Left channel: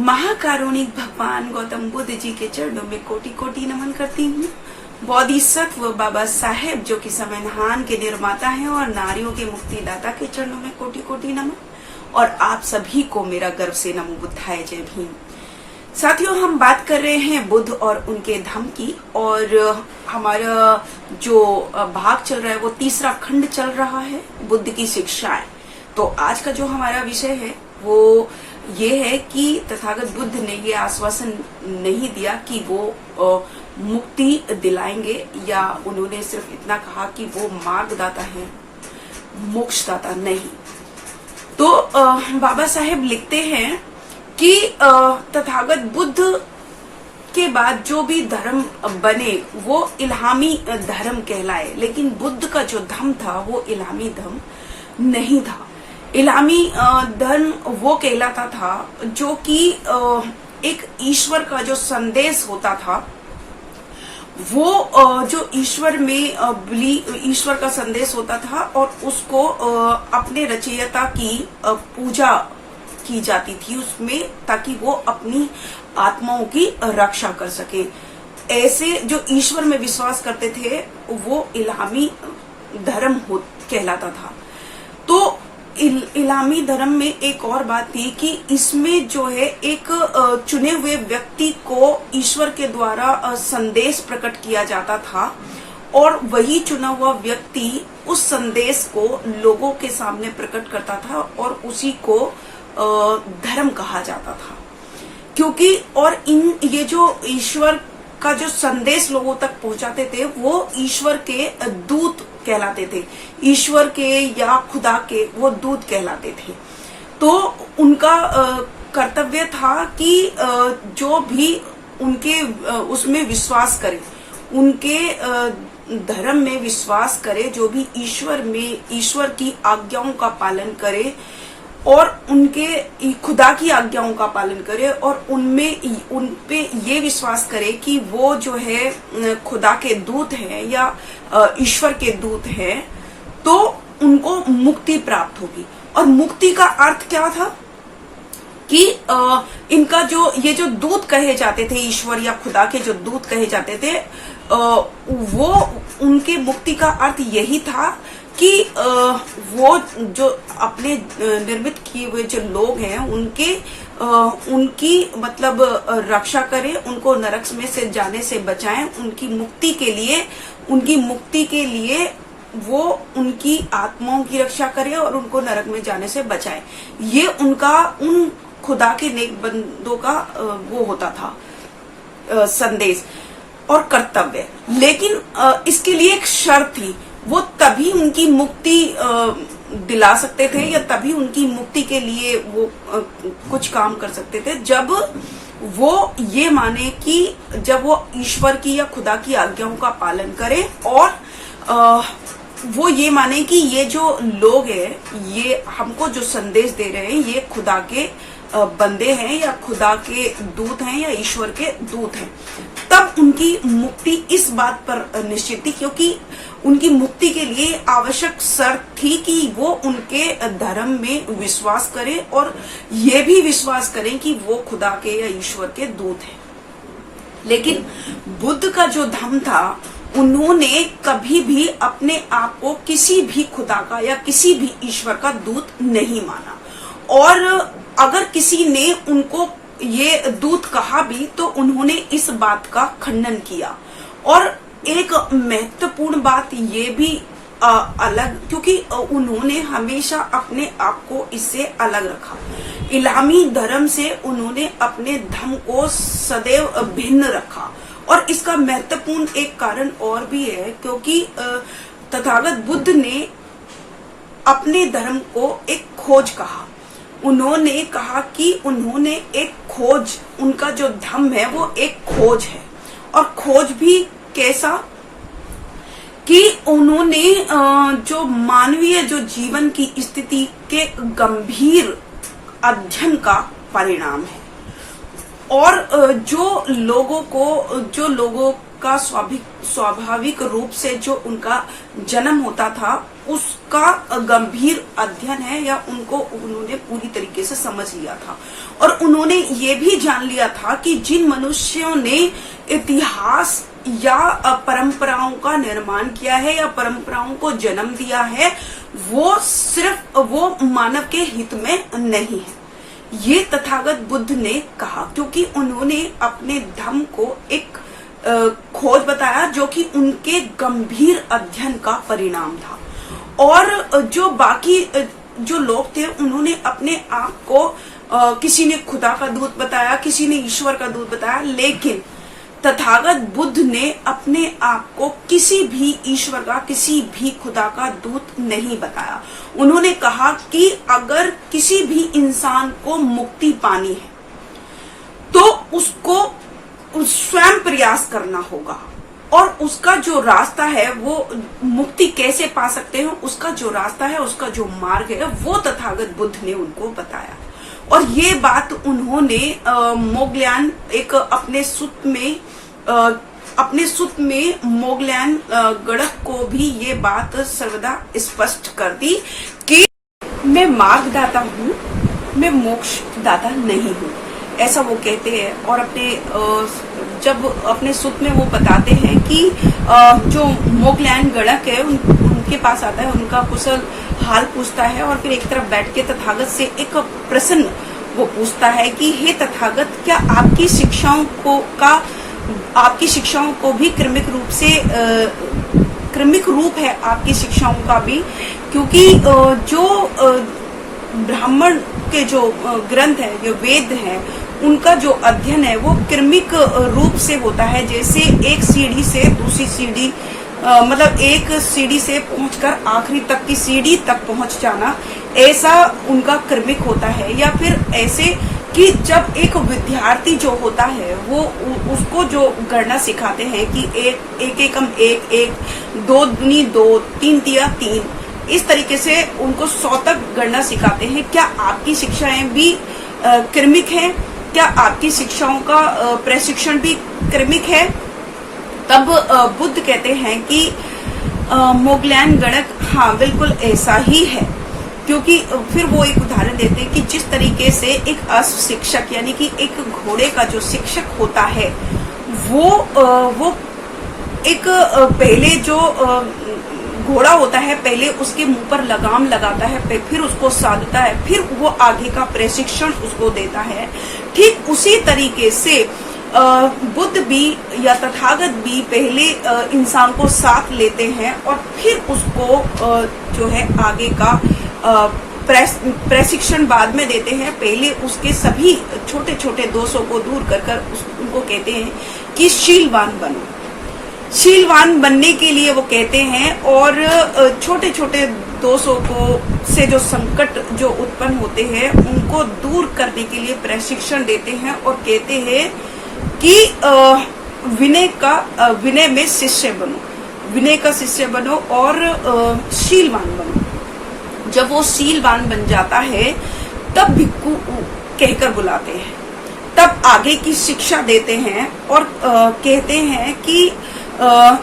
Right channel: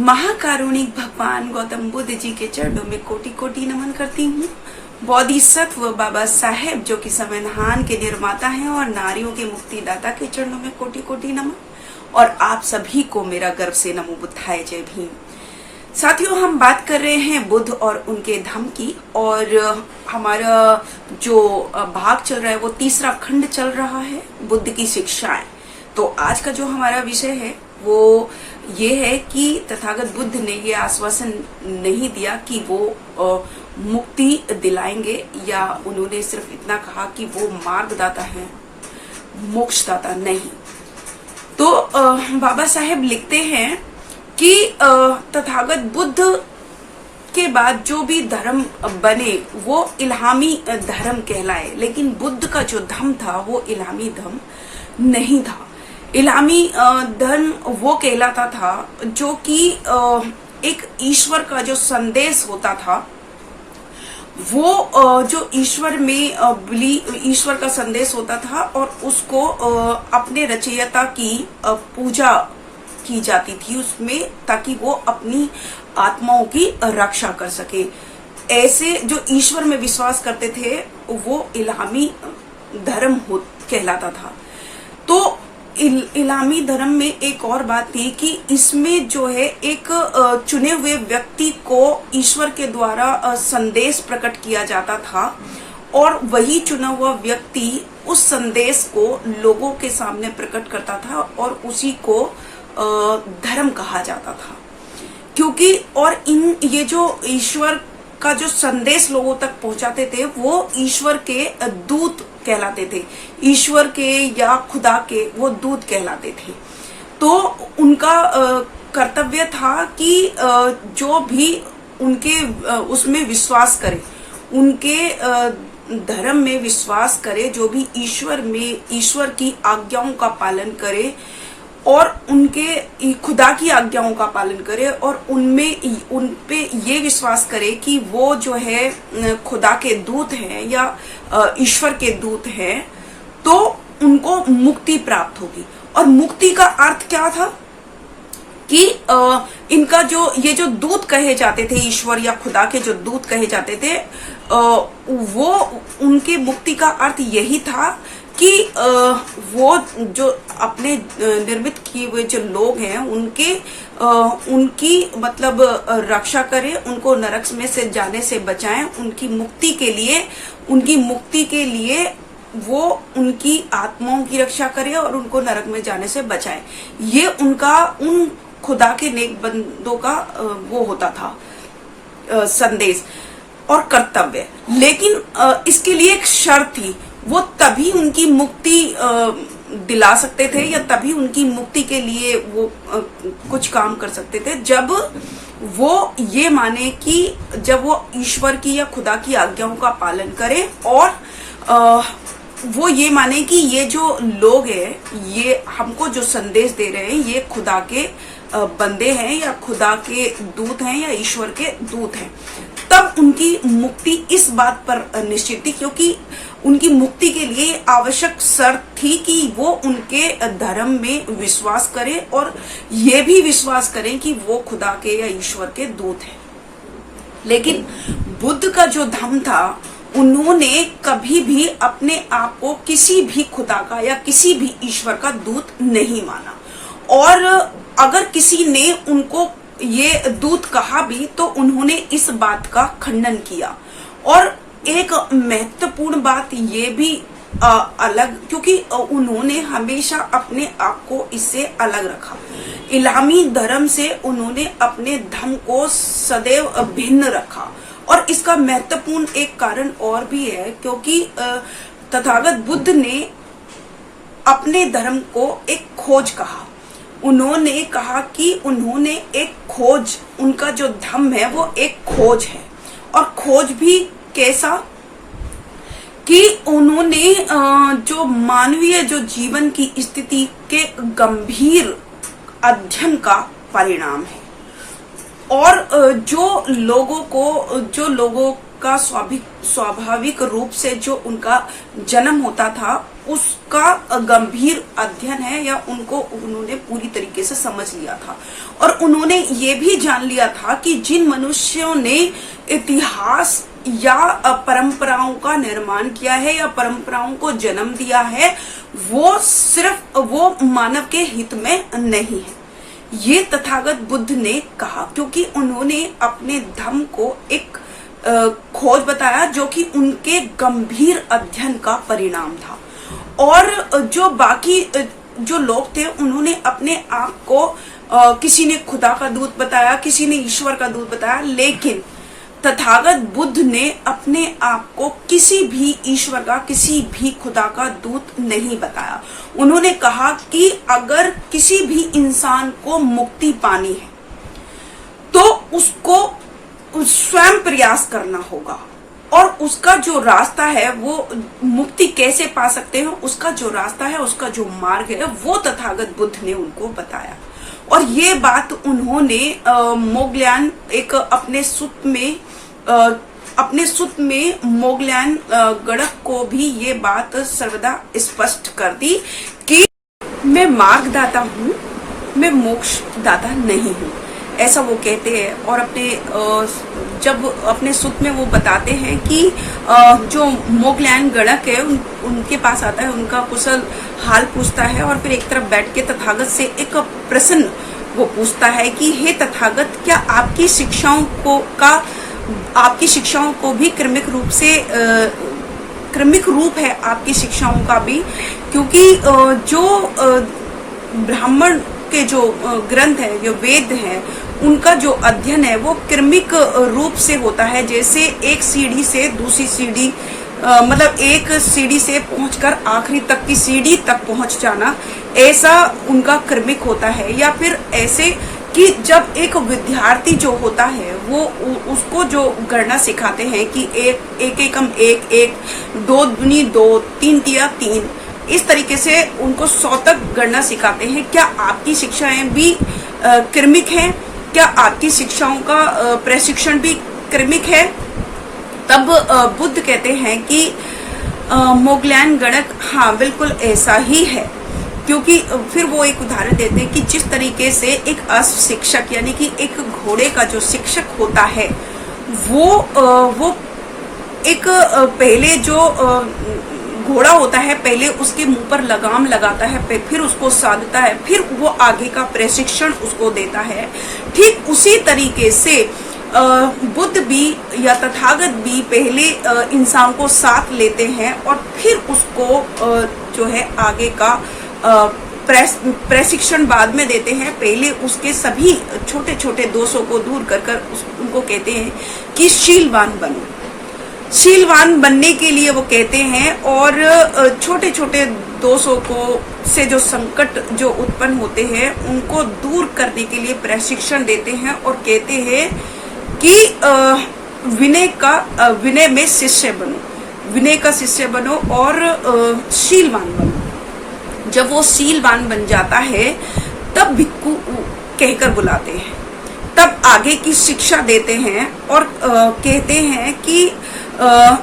महाकारुणिक भगवान गौतम बुद्ध जी के चरणों में कोटि कोटि नमन करती हूँ। बोधिसत्व बाबा साहेब जो कि संविधान के निर्माता हैं और नारियों के मुक्तिदाता के चरणों में कोटि कोटि नमन। और आप सभी को मेरा गर्व से नमो बुद्धाय जय भीम। साथियों, हम बात कर रहे हैं बुद्ध और उनके धम्म की, और हमारा जो भाग चल रहा है वो तीसरा खंड चल रहा है, बुद्ध की शिक्षाएं। तो आज का जो हमारा विषय है वो ये है कि तथागत बुद्ध ने ये आश्वासन नहीं दिया कि वो मुक्ति दिलाएंगे, या उन्होंने सिर्फ इतना कहा कि वो मार्गदाता है, मोक्षदाता नहीं। तो बाबा साहेब लिखते हैं कि तथागत बुद्ध के बाद जो भी धर्म बने वो इल्हामी धर्म कहलाए, लेकिन बुद्ध का जो धर्म था वो इल्हामी धर्म नहीं था। इल्हामी धर्म वो कहलाता था जो कि एक ईश्वर का जो संदेश होता था, वो जो ईश्वर में ईश्वर का संदेश होता था और उसको अपने रचयिता की पूजा की जाती थी उसमें, ताकि वो अपनी आत्माओं की रक्षा कर सके। ऐसे जो ईश्वर में विश्वास करते थे वो इल्हामी धर्म कहलाता था। तो इल्हामी धर्म में एक और बात थी कि इसमें जो है एक चुने हुए व्यक्ति को ईश्वर के द्वारा संदेश प्रकट किया जाता था, और वही चुना हुआ व्यक्ति उस संदेश को लोगों के सामने प्रकट करता था और उसी को धर्म कहा जाता था। क्योंकि और ये जो ईश्वर का जो संदेश लोगों तक पहुंचाते थे वो ईश्वर के दूत कहलाते थे, ईश्वर के या खुदा के वो दूत कहलाते थे। तो उनका कर्तव्य था कि जो भी उनके उसमें विश्वास करे, उनके धर्म में विश्वास करे, जो भी ईश्वर की आज्ञाओं का पालन करे और उनके खुदा की आज्ञाओं का पालन करे, और उन पे ये विश्वास करे कि वो जो है खुदा के दूत हैं या ईश्वर के दूत हैं, तो उनको मुक्ति प्राप्त होगी। और मुक्ति का अर्थ क्या था कि इनका ये जो दूत कहे जाते थे, ईश्वर या खुदा के जो दूत कहे जाते थे, वो उनके मुक्ति का अर्थ यही था कि वो जो अपने निर्मित किए हुए जो लोग हैं उनकी मतलब रक्षा करें, उनको नरक में से जाने से बचाएं, उनकी मुक्ति के लिए वो उनकी आत्माओं की रक्षा करे और उनको नरक में जाने से बचाए। ये उन खुदा के नेक बंदों का वो होता था संदेश और कर्तव्य। लेकिन इसके लिए एक शर्त थी, वो तभी उनकी मुक्ति दिला सकते थे या तभी उनकी मुक्ति के लिए वो कुछ काम कर सकते थे, जब वो ये माने कि जब वो ईश्वर की या खुदा की आज्ञाओं का पालन करें, और वो ये माने कि ये जो लोग हैं ये हमको जो संदेश दे रहे हैं ये खुदा के बंदे हैं या खुदा के दूत हैं या ईश्वर के दूत हैं। तब उनकी मुक्ति इस बात पर निश्चित थी, क्योंकि उनकी मुक्ति के लिए आवश्यक शर्त थी कि वो उनके धर्म में विश्वास करें और ये भी विश्वास करें कि वो खुदा के या ईश्वर के दूत हैं। लेकिन बुद्ध का जो धर्म था, उन्होंने कभी भी अपने आप को किसी भी खुदा का या किसी भी ईश्वर का दूत नहीं माना, और अगर किसी ने उनको ये दूत कहा भी तो उन्होंने इस बात का खंडन किया। और एक महत्वपूर्ण बात ये भी अलग, क्योंकि उन्होंने हमेशा अपने आप को इससे अलग रखा। इल्हामी धर्म से उन्होंने अपने धर्म को सदैव भिन्न रखा, और इसका महत्वपूर्ण एक कारण और भी है, क्योंकि तथागत बुद्ध ने अपने धर्म को एक खोज कहा। उन्होंने कहा कि उन्होंने एक खोज, उनका जो धर्म है वो एक खोज है, और खोज भी कैसा कि उन्होंने जो मानवीय जो जीवन की स्थिति के गंभीर अध्ययन का परिणाम है, और जो लोगों का स्वाभाविक रूप से जो उनका जन्म होता था उसका गंभीर अध्ययन है, या उन्होंने पूरी तरीके से समझ लिया था। और उन्होंने ये भी जान लिया था कि जिन मनुष्यों ने इतिहास या परंपराओं का निर्माण किया है या परंपराओं को जन्म दिया है, वो सिर्फ वो मानव के हित में नहीं है। ये तथागत बुद्ध ने कहा, क्योंकि उन्होंने अपने धम्म को एक खोज बताया जो कि उनके गंभीर अध्ययन का परिणाम था। और जो बाकी जो लोग थे उन्होंने अपने आप को किसी ने खुदा का दूत बताया, किसी ने ईश्वर का दूत बताया, लेकिन तथागत बुद्ध ने अपने आप को किसी भी ईश्वर का, किसी भी खुदा का दूत नहीं बताया। उन्होंने कहा कि अगर किसी भी इंसान को मुक्ति पानी है तो उसको स्वयं प्रयास करना होगा, और उसका जो रास्ता है, वो मुक्ति कैसे पा सकते हैं, उसका जो रास्ता है, उसका जो मार्ग है, वो तथागत बुद्ध ने उनको बताया। और ये बात उन्होंने मोगल्यान एक अपने सुत में मोगल्यान गणक को भी ये बात सर्वदा स्पष्ट कर दी कि मैं मार्गदाता हूँ, मैं मोक्षदाता नहीं हूँ, ऐसा वो कहते हैं। और जब अपने सुत में वो बताते हैं कि जो मोगल्यान गणक है उनके पास आता है, उनका कुशल हाल पूछता है, और फिर एक तरफ बैठ के तथागत से एक प्रश्न वो पूछता है कि हे तथागत, क्या आपकी शिक्षाओं को भी क्रमिक रूप है आपकी शिक्षाओं का भी, क्योंकि जो ब्राह्मण के जो ग्रंथ है, जो वेद है, उनका जो अध्ययन है वो क्रमिक रूप से होता है। जैसे एक सीढ़ी से दूसरी सीढ़ी, मतलब एक सीढ़ी से पहुंचकर आखिरी तक की सीढ़ी तक पहुंच जाना, ऐसा उनका क्रमिक होता है। या फिर ऐसे कि जब एक विद्यार्थी जो होता है वो उसको जो गणना सिखाते हैं कि एक एकम एक, दो दूनी दो, तीन तिया तीन, इस तरीके से उनको 100 तक गणना सिखाते हैं। क्या आपकी शिक्षाएं भी क्रमिक हैं? क्या आपकी शिक्षाओं का प्रशिक्षण भी क्रमिक है? तब बुद्ध कहते हैं कि मोगल्यान गणक, हाँ बिल्कुल ऐसा ही है। क्योंकि फिर वो एक उदाहरण देते हैं कि जिस तरीके से एक अशिक्षक, यानी कि एक घोड़े का जो शिक्षक होता है, वो एक पहले जो घोड़ा होता है, पहले उसके मुंह पर लगाम लगाता है, फिर उसको साधता है, फिर वो आगे का प्रशिक्षण उसको देता है। ठीक उसी तरीके से बुद्ध भी या तथागत भी पहले इंसान को साथ लेते हैं और फिर उसको जो है आगे का प्रशिक्षण बाद में देते हैं। पहले उसके सभी छोटे छोटे दोषों को दूर कर उनको कहते हैं कि शीलवान बनो। शीलवान बनने के लिए वो कहते हैं, और छोटे छोटे दोषों को से जो संकट जो उत्पन्न होते हैं उनको दूर करने के लिए प्रशिक्षण देते हैं, और कहते हैं कि विनय में शिष्य बनो, विनय का शिष्य बनो और शीलवान बनो। जब वो शीलवान बन जाता है तब भिक्खु कहकर बुलाते हैं, तब आगे की शिक्षा देते हैं, और कहते हैं कि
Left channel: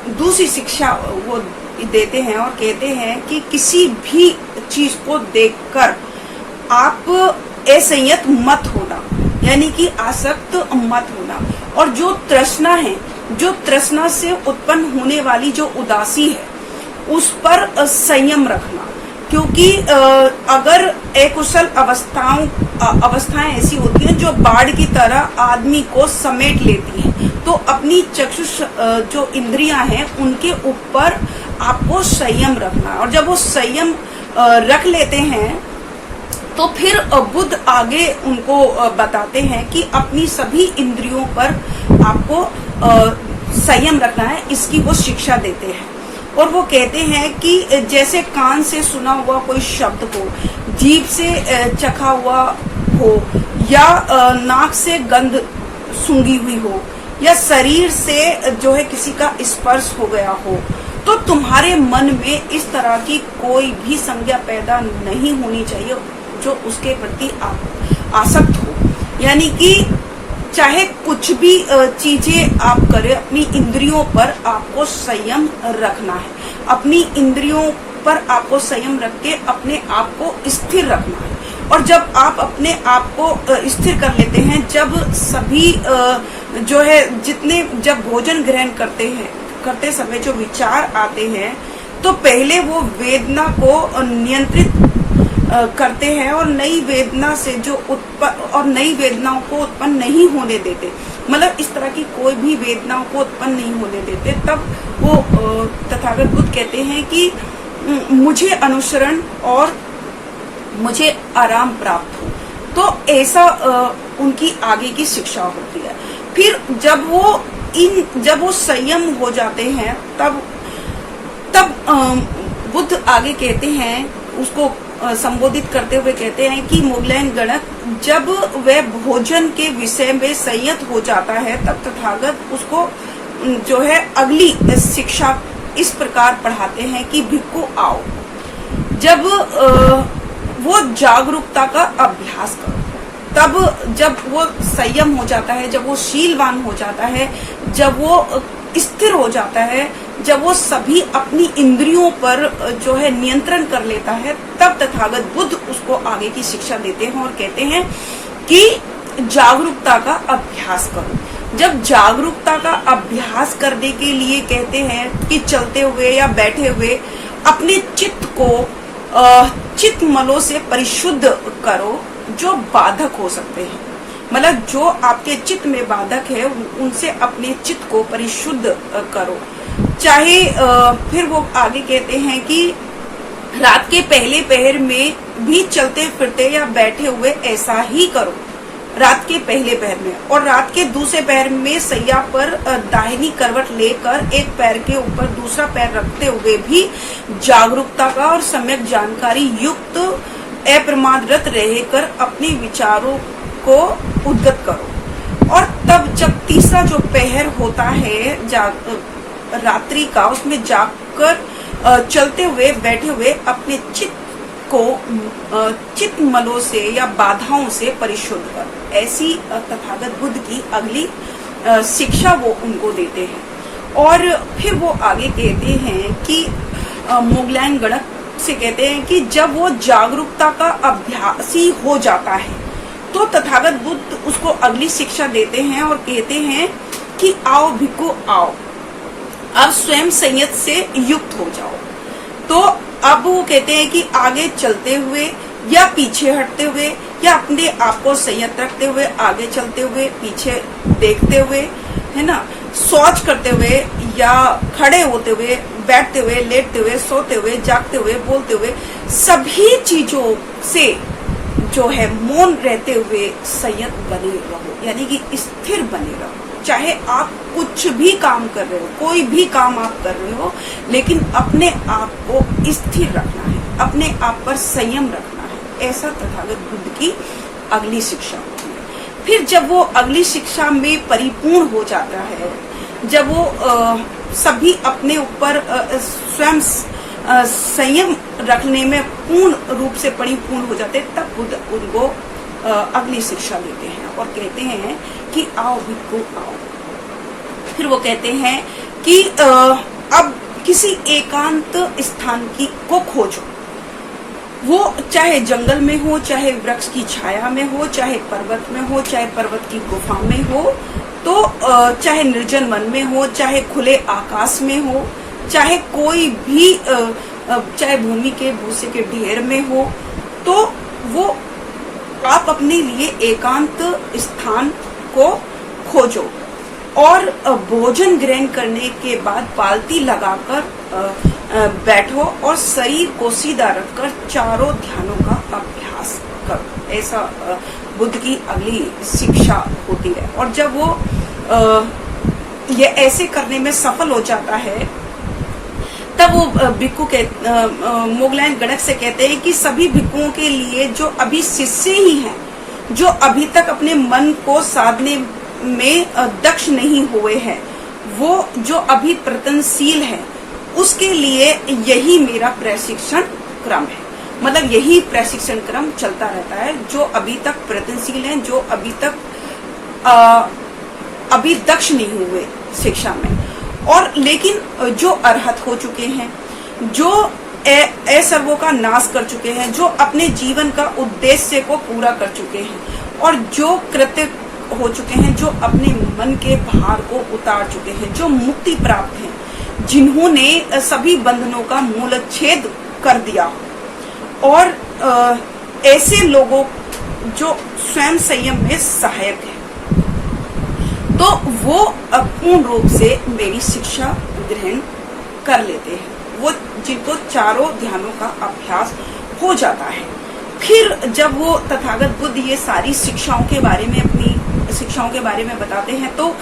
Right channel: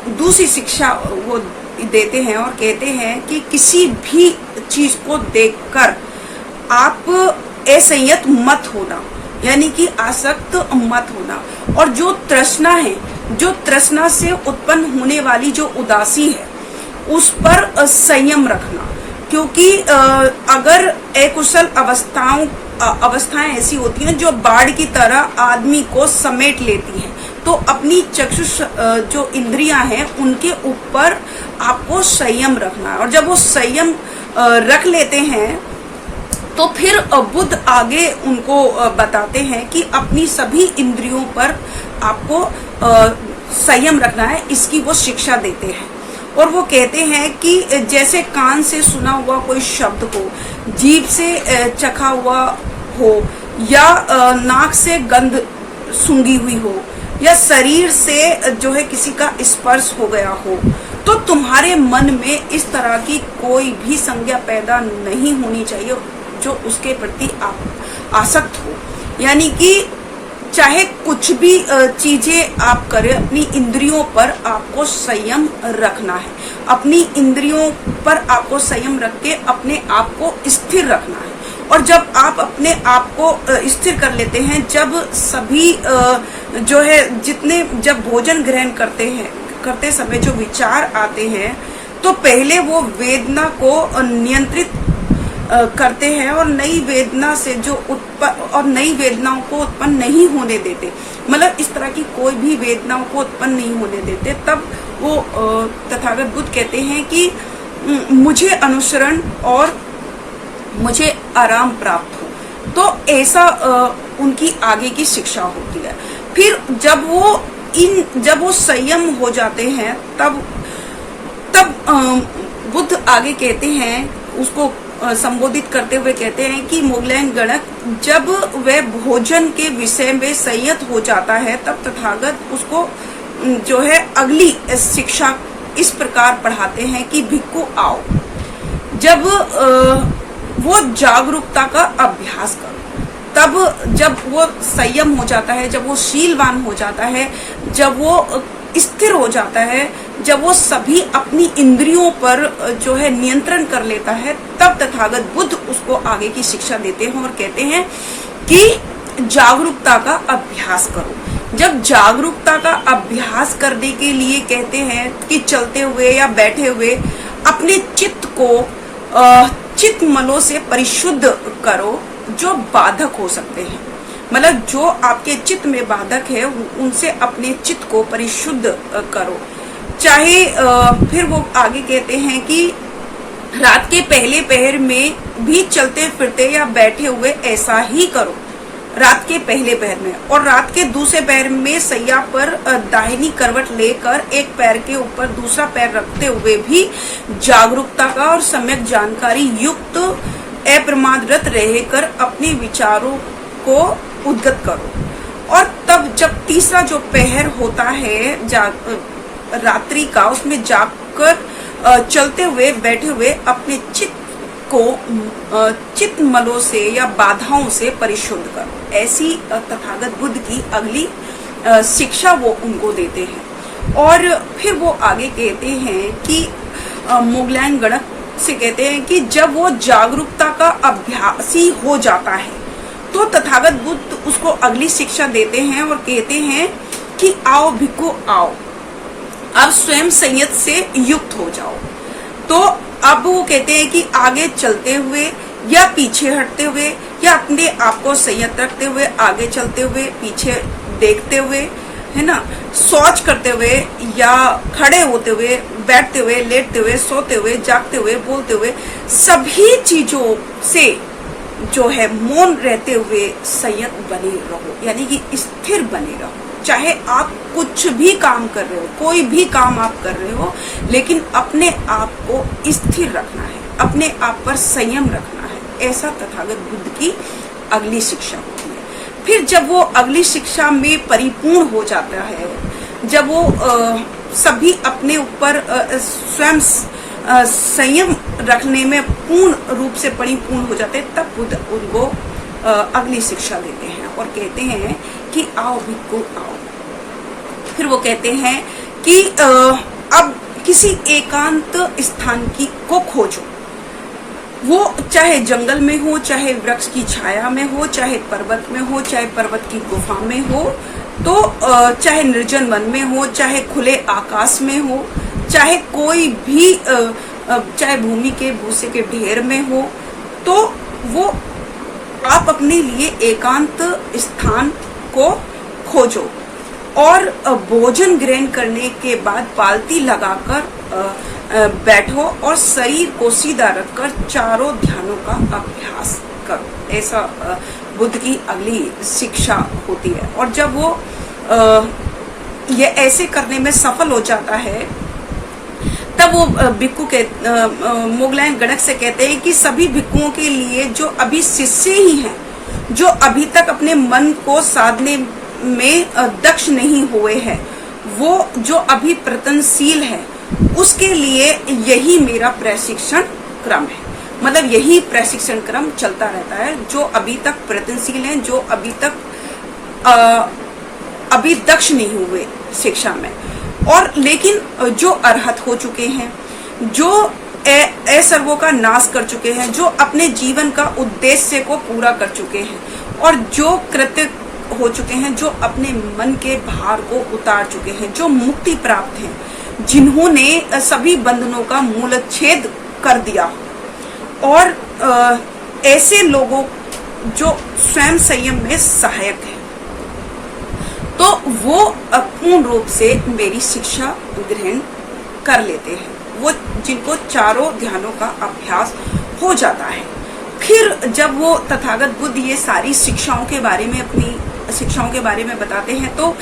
दूसरी शिक्षा वो देते हैं और कहते हैं कि किसी भी चीज को देखकर आप असंयत मत होना, यानी कि आसक्त मत होना। और जो तृष्णा है, जो तृष्णा से उत्पन्न होने वाली जो उदासी है, उस पर संयम रखना। क्योंकि अगर अकुशल अवस्थाएं ऐसी होती हैं जो बाढ़ की तरह आदमी को समेट लेती हैं, तो अपनी चक्षुष जो इंद्रियां हैं उनके ऊपर आपको संयम रखना है। और जब वो संयम रख लेते हैं तो फिर बुद्ध आगे उनको बताते हैं कि अपनी सभी इंद्रियों पर आपको संयम रखना है, इसकी वो शिक्षा देते हैं। और वो कहते हैं कि जैसे कान से सुना हुआ कोई शब्द हो, जीभ से चखा हुआ हो, या नाक से गंध सूंघी हुई हो, या शरीर से जो है किसी का स्पर्श हो गया हो, तो तुम्हारे मन में इस तरह की कोई भी संज्ञा पैदा नहीं होनी चाहिए जो उसके प्रति आसक्त हो। यानी कि चाहे कुछ भी चीजें आप करें, अपनी इंद्रियों पर आपको संयम रखना है। अपनी इंद्रियों पर आपको संयम रख के अपने आप को स्थिर रखना है। और जब आप अपने आप को स्थिर कर लेते हैं, जब सभी जो है जितने जब भोजन ग्रहण करते समय जो विचार आते हैं, तो पहले वो वेदना को नियंत्रित करते हैं और नई वेदना से नई वेदनाओं को उत्पन्न नहीं होने देते। मतलब इस तरह की कोई भी वेदनाओं को उत्पन्न नहीं होने देते। तब वो तथागत बुद्ध कहते हैं कि मुझे अनुसरण और मुझे आराम प्राप्त हो। तो ऐसा उनकी आगे की शिक्षा होती है। फिर जब वो संयम हो जाते हैं, तब बुद्ध आगे कहते हैं, उसको संबोधित करते हुए कहते हैं कि मोगलायन गणक जब वह भोजन के विषय में संयत हो जाता है, तब तथागत उसको जो है अगली शिक्षा इस प्रकार पढ़ाते हैं कि भिक्खु आओ। जब वो जागरूकता का अभ्यास करो, तब जब वो संयम हो जाता है, जब वो शीलवान हो जाता है, जब वो स्थिर हो जाता है, जब वो सभी अपनी इंद्रियों पर जो है नियंत्रण कर लेता है, तब तथागत बुद्ध उसको आगे की शिक्षा देते हैं और कहते हैं कि जागरूकता का अभ्यास करो। जब जागरूकता का अभ्यास करने के लिए कहते हैं कि चलते हुए या बैठे हुए अपने चित्त को चित्त मलों से परिशुद्ध करो जो बाधक हो सकते हैं। मतलब जो आपके चित्त में बाधक है, उनसे अपने चित्त को परिशुद्ध करो। चाहे फिर वो आगे कहते हैं कि रात के पहले पहर में भी चलते फिरते या बैठे हुए ऐसा ही करो, रात के पहले पहर में। और रात के दूसरे पहर में सैया पर दाहिनी करवट लेकर एक पैर के ऊपर दूसरा पैर रखते हुए भी जागरूकता का और सम्यक जानकारी युक्त अप्रमादरत रहकर अपने विचारों को उद्गत करो। और तब जब तीसरा जो पहर होता है रात्रि का, उसमें जागकर चलते हुए बैठे हुए अपने चित्त को चित्त मलों से या बाधाओं से परिशुद्ध करो। ऐसी तथागत बुद्ध की अगली शिक्षा वो उनको देते हैं। और फिर वो आगे कहते हैं कि मोगलायन गणक से कहते हैं कि जब वो जागरूकता का अभ्यासी हो जाता है, तो तथागत बुद्ध उसको अगली शिक्षा देते हैं और कहते हैं कि आओ भिक्खु आओ, अब स्वयं संयत से युक्त हो जाओ। तो अब वो कहते हैं कि आगे चलते हुए या पीछे हटते हुए या अपने आप को संयत रखते हुए आगे चलते हुए, पीछे देखते हुए, है ना, शौच करते हुए या खड़े होते हुए, बैठते हुए, लेटते हुए, सोते हुए, जागते हुए, बोलते हुए, सभी चीजों से जो है मौन रहते हुए संयत बने रहो, यानी कि स्थिर बने रहो। चाहे आप कुछ भी काम कर रहे हो, कोई भी काम आप कर रहे हो, लेकिन अपने आप को स्थिर रखना है, अपने आप पर संयम रखना है। ऐसा तथागत बुद्ध की अगली शिक्षा होती है। फिर जब वो अगली शिक्षा में परिपूर्ण हो जाता है, जब वो सभी अपने ऊपर स्वयं संयम रखने में पूर्ण रूप से परिपूर्ण हो जाते हैं, तब बुद्ध उनको अगली शिक्षा देते हैं और कहते हैं कि आओ भिक्खु आओ। फिर वो कहते हैं कि अब किसी एकांत स्थान को खोजो, वो चाहे जंगल में हो, चाहे वृक्ष की छाया में हो, चाहे पर्वत में हो, चाहे पर्वत की गुफा में हो, तो चाहे निर्जन वन में हो, चाहे खुले आकाश में हो, चाहे कोई भी चाहे भूमि के भूसे के ढेर में हो, तो वो आप अपने लिए एकांत स्थान को खोजो और भोजन ग्रहण करने के बाद पालती लगाकर बैठो और शरीर को सीधा रखकर चारों ध्यानों का अभ्यास करो। ऐसा बुद्ध की अगली शिक्षा होती है। और जब वो ये ऐसे करने में सफल हो जाता है, तब वो भिक्खु के मोगलायन गणक से कहते हैं कि सभी भिक्खुओं के लिए जो अभी शिष्य ही हैं, जो अभी तक अपने मन को साधने में दक्ष नहीं हुए हैं, वो जो अभी प्रयत्नशील है, उसके लिए यही मेरा प्रशिक्षण क्रम है। मतलब यही प्रशिक्षण क्रम चलता रहता है। जो अभी तक प्रयत्नशील हैं, जो अभी तक अभी दक्ष नहीं हुए शिक्षा में, और लेकिन जो अर्हत हो चुके हैं, जो असर्वों का नाश कर चुके हैं, जो अपने जीवन का उद्देश्य को पूरा कर चुके हैं, और जो कृत्य हो चुके हैं, जो अपने मन के भार को उतार चुके हैं, जो मुक्ति प्राप्त हैं, जिन्होंने सभी बंधनों का मूलच्छेद कर दिया, और ऐसे लोगों जो स्वयं संयम में सहायक है, तो वो पूर्ण रूप से मेरी शिक्षा ग्रहण कर लेते हैं। वो जिनको चारों ध्यानों का अभ्यास हो जाता है, फिर जब वो तथागत बुद्ध ये सारी शिक्षाओं के बारे में, अपनी शिक्षाओं के बारे में बताते हैं, तो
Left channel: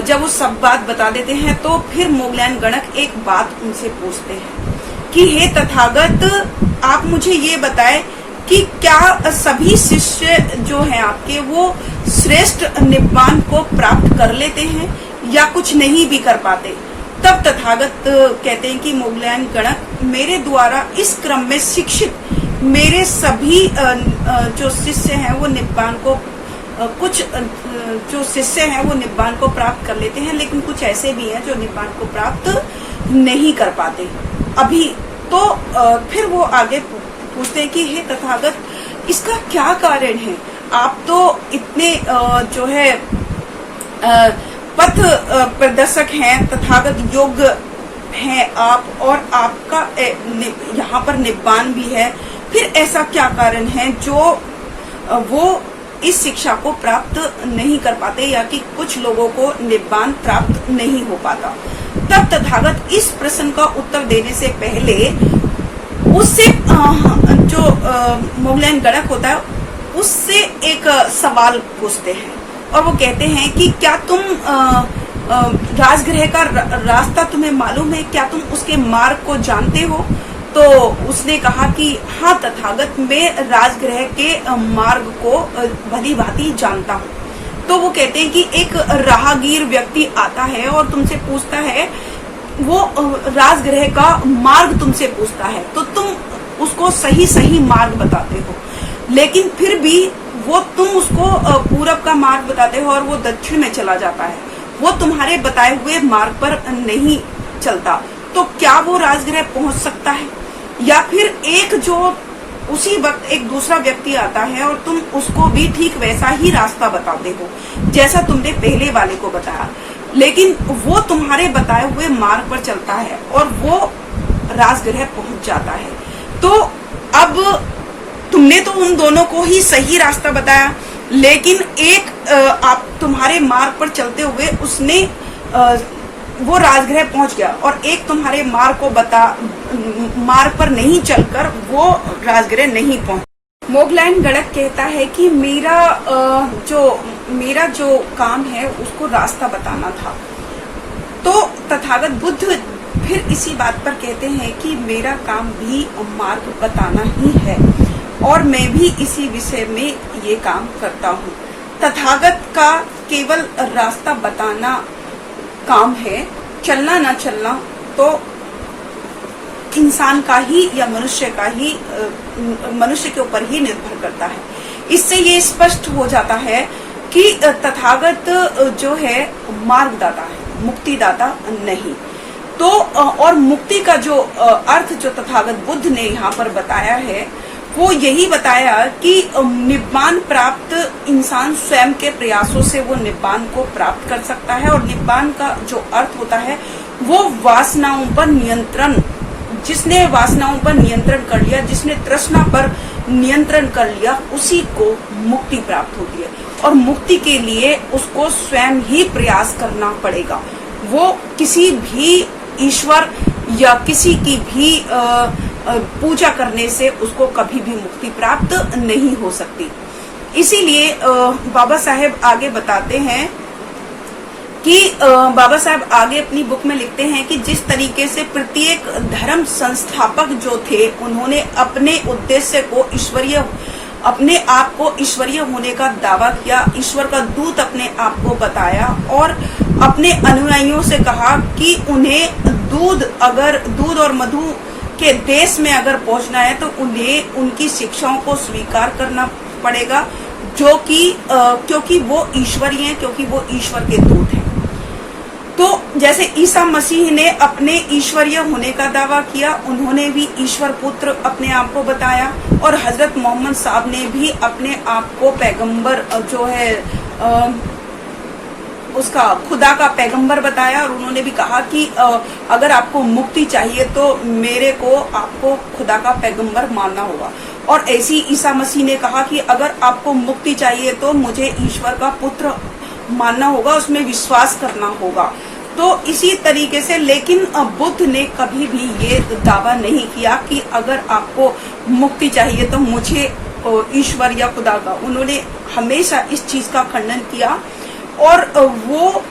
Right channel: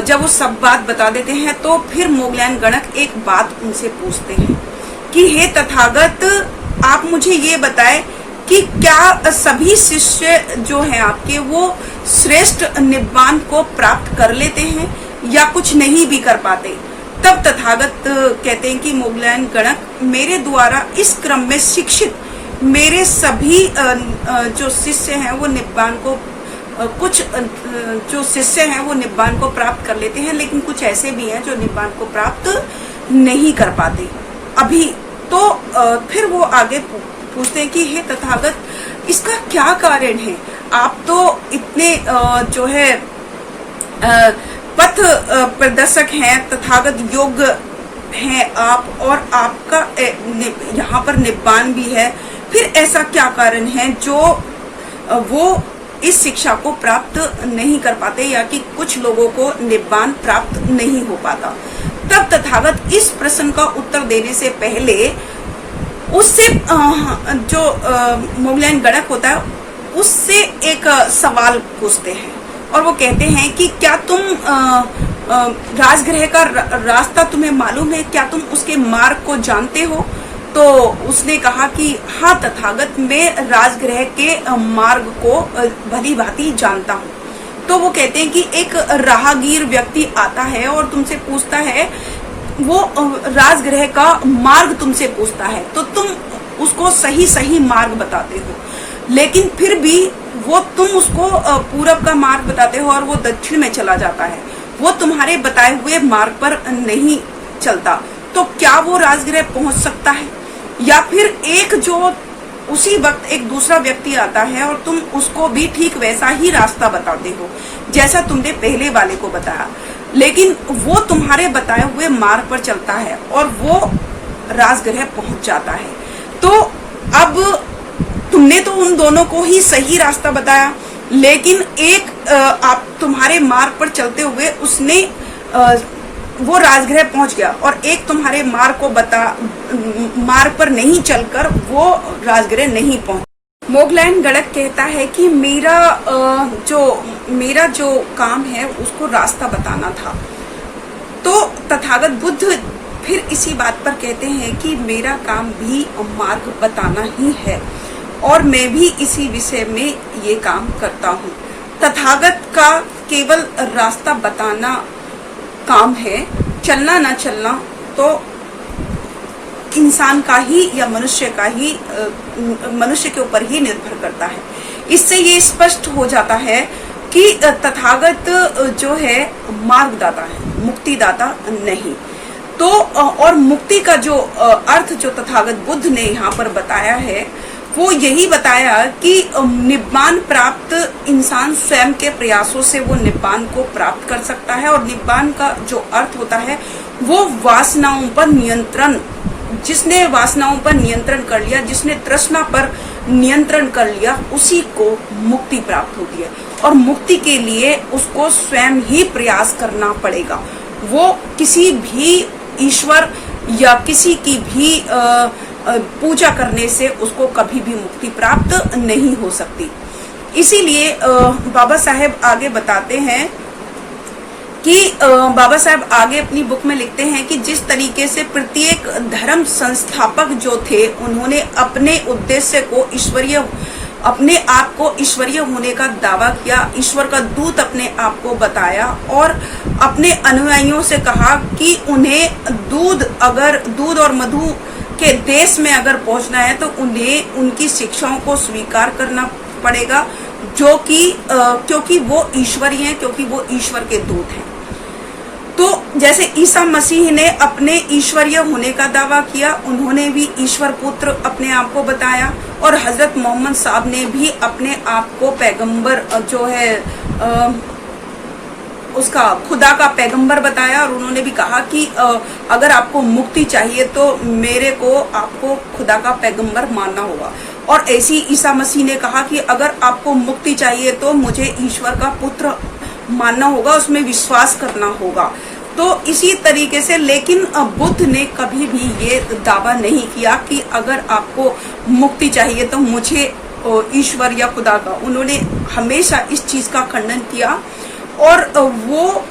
जब वो सब बात बता देते हैं, तो फिर मोगलैन गणक एक बात उनसे पूछते हैं कि हे तथागत, आप मुझे ये बताएं कि क्या सभी शिष्य जो हैं आपके, वो श्रेष्ठ निब्बान को प्राप्त कर लेते हैं या कुछ नहीं भी कर पाते? तब तथागत कहते हैं कि मोगलैन गणक, मेरे द्वारा इस क्रम में शिक्षित मेरे सभी जो शिष्य हैं वो निब्बान को, कुछ जो शिष्य हैं वो निब्बान को प्राप्त कर लेते हैं, लेकिन कुछ ऐसे भी हैं जो निब्बान को प्राप्त नहीं कर पाते अभी। तो फिर वो आगे पूछते हैं कि हे तथागत, इसका क्या कारण है? आप तो इतने जो है पथ प्रदर्शक हैं, तथागत योग हैं आप, और आपका यहाँ पर निब्बान भी है, फिर ऐसा क्या कारण है जो वो इस शिक्षा को प्राप्त नहीं कर पाते, या कि कुछ लोगों को निब्बान प्राप्त नहीं हो पाता? तब तथागत इस प्रश्न का उत्तर देने से पहले उससे जो मोगलैन गणक होता है उससे एक सवाल पूछते हैं, और वो कहते हैं कि क्या तुम राजगृह का रास्ता तुम्हें मालूम है? क्या तुम उसके मार्ग को जानते हो? तो उसने कहा कि हाँ तथागत, मैं राजगृह के मार्ग को भली भांति जानता हूँ। तो वो कहते हैं कि एक राहगीर व्यक्ति आता है और तुमसे पूछता है, वो राजगृह का मार्ग तुमसे पूछता है, तो तुम उसको सही सही मार्ग बताते हो, लेकिन फिर भी वो तुम उसको पूरब का मार्ग बताते हो और वो दक्षिण में चला जाता है, वो तुम्हारे बताए हुए मार्ग पर नहीं चलता। तो क्या वो राजगृह पहुंच सकता है? या फिर एक जो उसी वक्त एक दूसरा व्यक्ति आता है और तुम उसको भी ठीक वैसा ही रास्ता बताते हो जैसा तुमने पहले वाले को बताया, लेकिन वो तुम्हारे बताए हुए मार्ग पर चलता है और वो राजगृह पहुंच जाता है। तो अब तुमने तो उन दोनों को ही सही रास्ता बताया, लेकिन एक आप तुम्हारे मार्ग पर चलते हुए उसने वो राजगृह पहुंच गया, और एक तुम्हारे मार्ग पर नहीं चलकर वो राजगृह नहीं पहुंचा। मोगलैन गणक कहता है कि मेरा जो काम है उसको रास्ता बताना था। तो तथागत बुद्ध फिर इसी बात पर कहते हैं कि मेरा काम भी मार्ग बताना ही है, और मैं भी इसी विषय में ये काम करता हूँ। तथागत का केवल रास्ता बताना काम है, चलना ना चलना तो इंसान का ही या मनुष्य के ऊपर ही निर्भर करता है। इससे ये स्पष्ट हो जाता है कि तथागत जो है मार्गदाता है, मुक्तिदाता नहीं। तो और मुक्ति का जो अर्थ जो तथागत बुद्ध ने यहाँ पर बताया है वो यही बताया कि निब्बान प्राप्त इंसान स्वयं के प्रयासों से वो निब्बान को प्राप्त कर सकता है, और निब्बान का जो अर्थ होता है वो वासनाओं पर नियंत्रण, जिसने वासनाओं पर नियंत्रण कर लिया, जिसने तृष्णा पर नियंत्रण कर लिया, उसी को मुक्ति प्राप्त होती है। और मुक्ति के लिए उसको स्वयं ही प्रयास करना पड़ेगा, वो किसी भी ईश्वर या किसी की भी पूजा करने से उसको कभी भी मुक्ति प्राप्त नहीं हो सकती। इसीलिए बाबा साहेब आगे बताते हैं कि बाबा साहब आगे अपनी बुक में लिखते हैं कि जिस तरीके से प्रत्येक धर्म संस्थापक जो थे उन्होंने अपने उद्देश्य को ईश्वरीय, अपने आप को ईश्वरीय होने का दावा किया, ईश्वर का दूत अपने आप को बताया और अपने अनुयायियों से कहा कि उन्हें दूध और मधु के देश में अगर पहुंचना है तो उन्हें उनकी शिक्षाओं को स्वीकार करना पड़ेगा क्योंकि वो ईश्वरीय हैं, क्योंकि वो ईश्वर के दूत हैं। तो जैसे ईसा मसीह ने अपने ईश्वरीय होने का दावा किया, उन्होंने भी ईश्वर पुत्र अपने आप को बताया, और हजरत मोहम्मद साहब ने भी अपने आप को पैगंबर जो है उसका खुदा का पैगंबर बताया, और उन्होंने भी कहा कि अगर आपको मुक्ति चाहिए तो मेरे को आपको खुदा का पैगंबर मानना होगा। और ऐसी ईसा मसीह ने कहा कि अगर आपको मुक्ति चाहिए तो मुझे ईश्वर का पुत्र मानना होगा, उसमें विश्वास करना होगा। तो इसी तरीके से, लेकिन बुद्ध ने कभी भी ये दावा नहीं किया कि अगर आपको मुक्ति चाहिए तो मुझे ईश्वर या खुदा का, उन्होंने हमेशा इस चीज का खंडन किया। और वो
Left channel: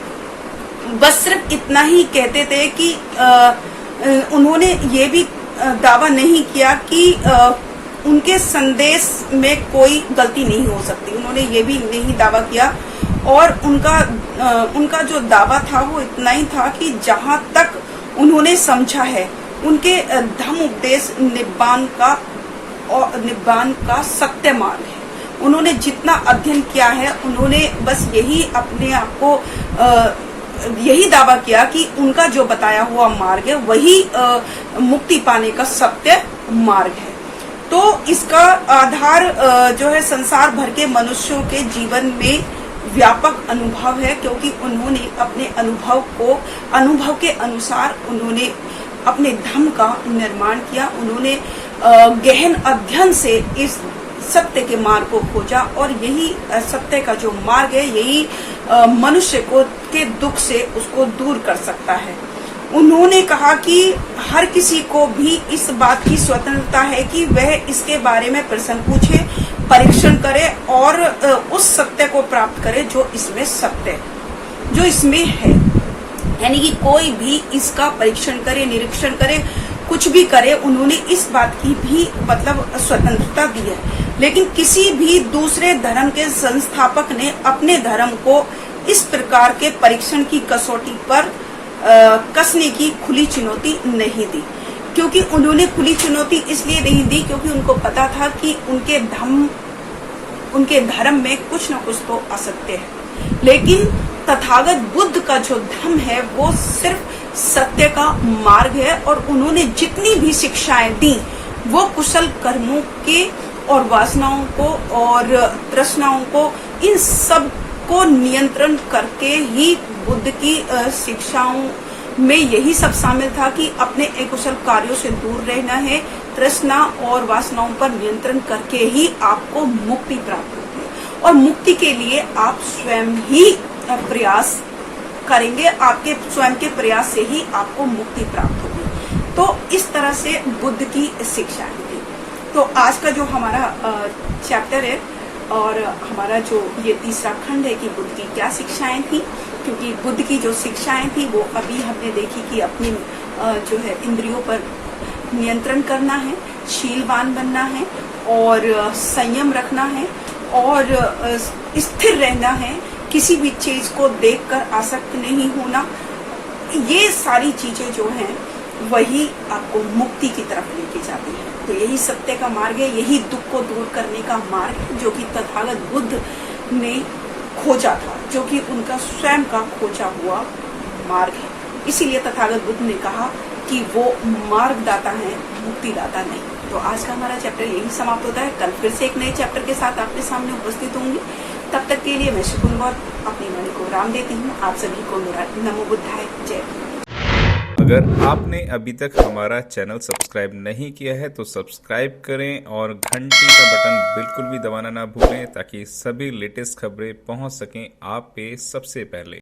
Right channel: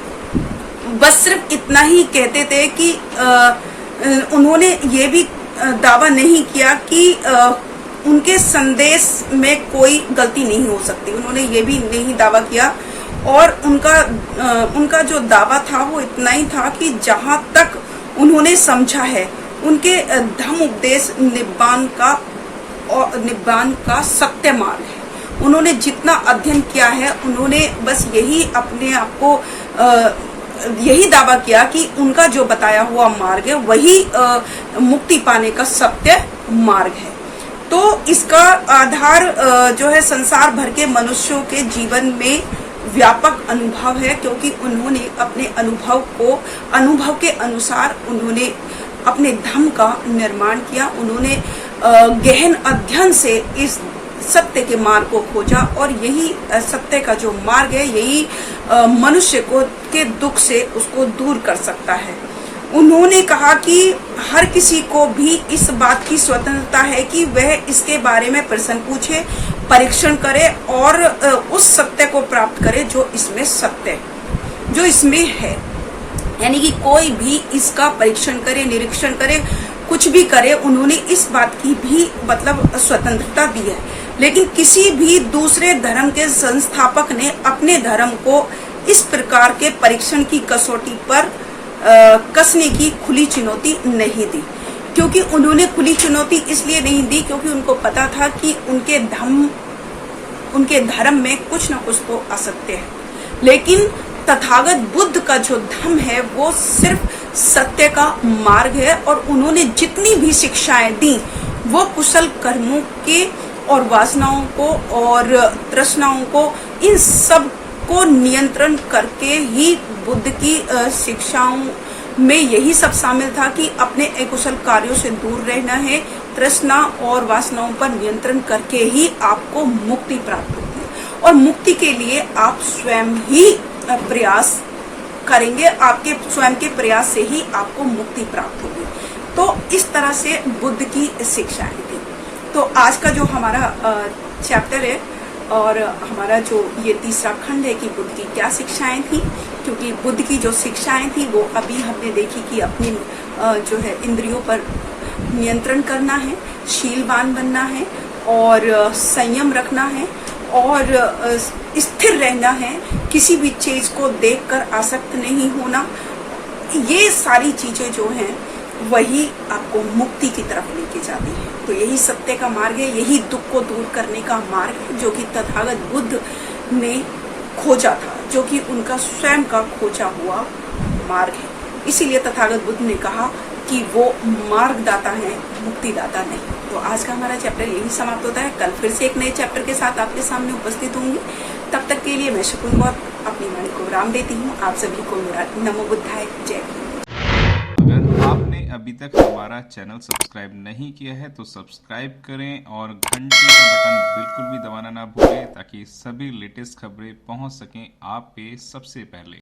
बस सिर्फ इतना ही कहते थे कि उन्होंने ये भी दावा नहीं किया कि उनके संदेश में कोई गलती नहीं हो सकती, उन्होंने ये भी नहीं दावा किया। और उनका जो दावा था वो इतना ही था कि जहां तक उन्होंने समझा है, उनके धम्म उपदेश निब्बान का सत्य मार्ग है। उन्होंने जितना अध्ययन किया है, उन्होंने बस यही अपने आप को यही दावा किया कि उनका जो बताया हुआ मार्ग है वही मुक्ति पाने का सत्य मार्ग है। तो इसका आधार जो है संसार भर के मनुष्यों के जीवन में व्यापक अनुभव है, क्योंकि उन्होंने अपने अनुभव के अनुसार उन्होंने अपने धर्म का निर्माण किया। उन्होंने गहन अध्ययन से इस सत्य के मार्ग को खोजा, और यही सत्य का जो मार्ग है, यही मनुष्य को के दुख से उसको दूर कर सकता है। उन्होंने कहा कि हर किसी को भी इस बात की स्वतंत्रता है कि वह इसके बारे में प्रश्न पूछे, परीक्षण करे और उस सत्य को प्राप्त करे जो इसमें सत्य, जो इसमें है। यानी कि कोई भी इसका परीक्षण करे, निरीक्षण करे, कुछ भी करे, उन्होंने इस बात की भी मतलब स्वतंत्रता दी है। लेकिन किसी भी दूसरे धर्म के संस्थापक ने अपने धर्म को इस प्रकार के परीक्षण की कसौटी पर कसने की खुली चुनौती नहीं दी, क्योंकि उन्होंने खुली चुनौती इसलिए नहीं दी क्योंकि उनको पता था कि उनके धर्म में कुछ न कुछ तो असत्य है। लेकिन तथागत बुद्ध का जो धर्म है वो सिर्फ सत्य का मार्ग है, और उन्होंने जितनी भी शिक्षाएं दी वो कुशल कर्मों के और वासनाओं को और तृष्णाओं को, इन सब को नियंत्रण करके ही बुद्ध की शिक्षाओं में यही सब शामिल था कि अपने अकुशल कार्यों से दूर रहना है, तृष्णा और वासनाओं पर नियंत्रण करके ही आपको मुक्ति प्राप्त होती है। और मुक्ति के लिए आप स्वयं ही प्रयास करेंगे, आपके स्वयं के प्रयास से ही आपको मुक्ति प्राप्त होगी। तो इस तरह से बुद्ध की शिक्षाएं थी। तो आज का जो हमारा चैप्टर है और हमारा जो ये तीसरा खंड है कि बुद्ध की क्या शिक्षाएं थी, क्योंकि बुद्ध की जो शिक्षाएं थी वो अभी हमने देखी कि अपनी जो है इंद्रियों पर नियंत्रण करना है, शीलवान बनना है और संयम रखना है और स्थिर रहना है, किसी भी चीज को देखकर आसक्त नहीं होना। ये सारी चीजें जो हैं वही आपको मुक्ति की तरफ लेके जाती है। तो यही सत्य का मार्ग है, यही दुख को दूर करने का मार्ग है जो कि तथागत बुद्ध ने खोजा था, जो कि उनका स्वयं का खोजा हुआ मार्ग है। इसीलिए तथागत बुद्ध ने कहा कि वो मार्गदाता है, मुक्तिदाता नहीं। तो आज का हमारा चैप्टर यही समाप्त होता है। कल फिर से एक नए चैप्टर के साथ आपके सामने उपस्थित होंगी। तब तक के लिए मैं शुक्र अपनी मन को विराम देती हूँ। आप सभी को मेरा नमो बुद्धाय जय। अगर आपने अभी तक हमारा चैनल सब्सक्राइब नहीं किया है तो सब्सक्राइब करें और घंटी का बटन बिल्कुल भी दबाना ना भूलें, ताकि सभी लेटेस्ट खबरें पहुंच सकें आप पे सबसे पहले।